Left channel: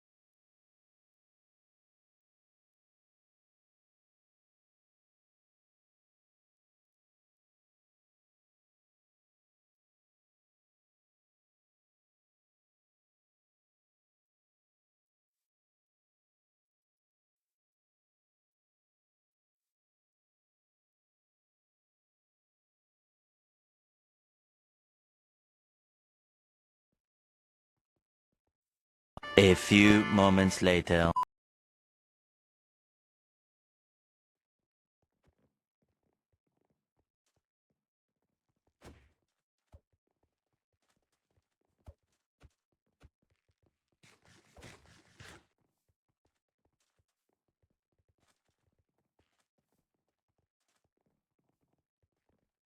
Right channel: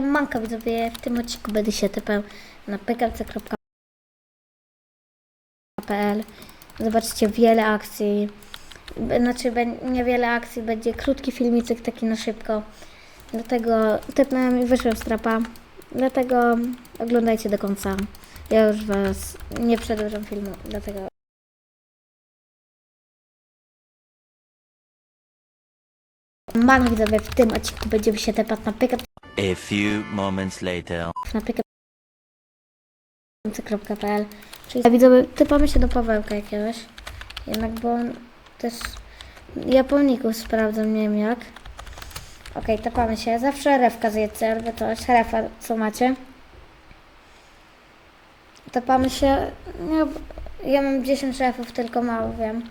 manka widzowie, w tym odcinku będę się tepał na pkc.pl Zobaczycie wiele akcji. Znaczy bę- nie wiele akcji, będzie krótki filmicek taki na szybko. Dlatego tepnąłem i wyszłem z trapa. Dlatego oglądajcie do końca. Ja już was nie przedłużam filmu, dlatego Mam widzowie, w tym odcinku będziemy się tepać na pkc A few moments later. na pkc.pl Czyli widzowie, typamy się do Pawełka jakiegoś. Jednak, bo on też Japoników sprawdzam, nie wiem jak. Okej, tepamy się. Zawsze refka zjedzcie, albo coś. Refa, co macie? Tepamy się. No, ja mam 10 refów, tylko mało wiem.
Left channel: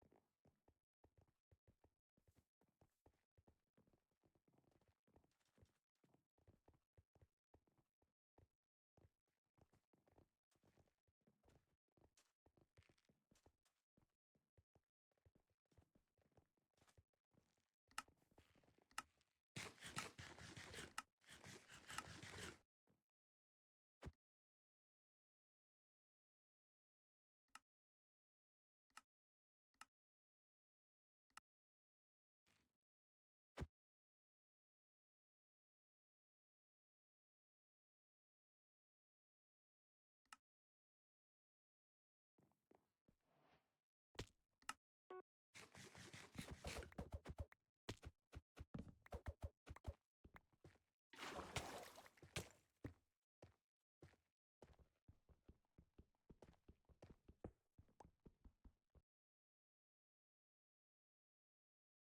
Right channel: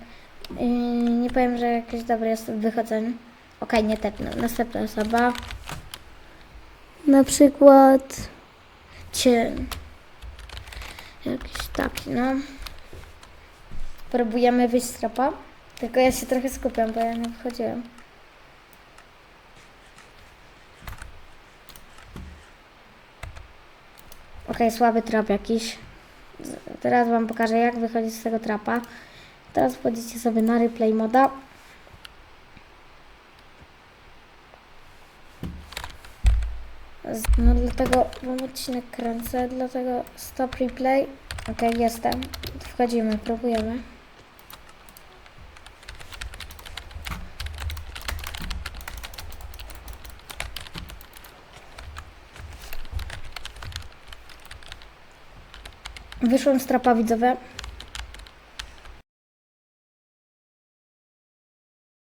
I nie powiem, że jakieś dobre jest w. Okej, nie tepnę. Następna osoba. Na przykład cię jakiś taki, no. Próbujemy wyjść z trapa. Tylko ja się trochę skupiam, bo ja nie wchodziłem. Okej, słaby trap jakiś. Teraz wam pokażę jak wychodzić z tego trapa. Teraz wchodzicie sobie na replay moda. No dlatego mam odcinek kręcę, dlatego stop replay. Okej, jestem. Wchodzimy, próbujemy. Wyszłam z trapa widzowe.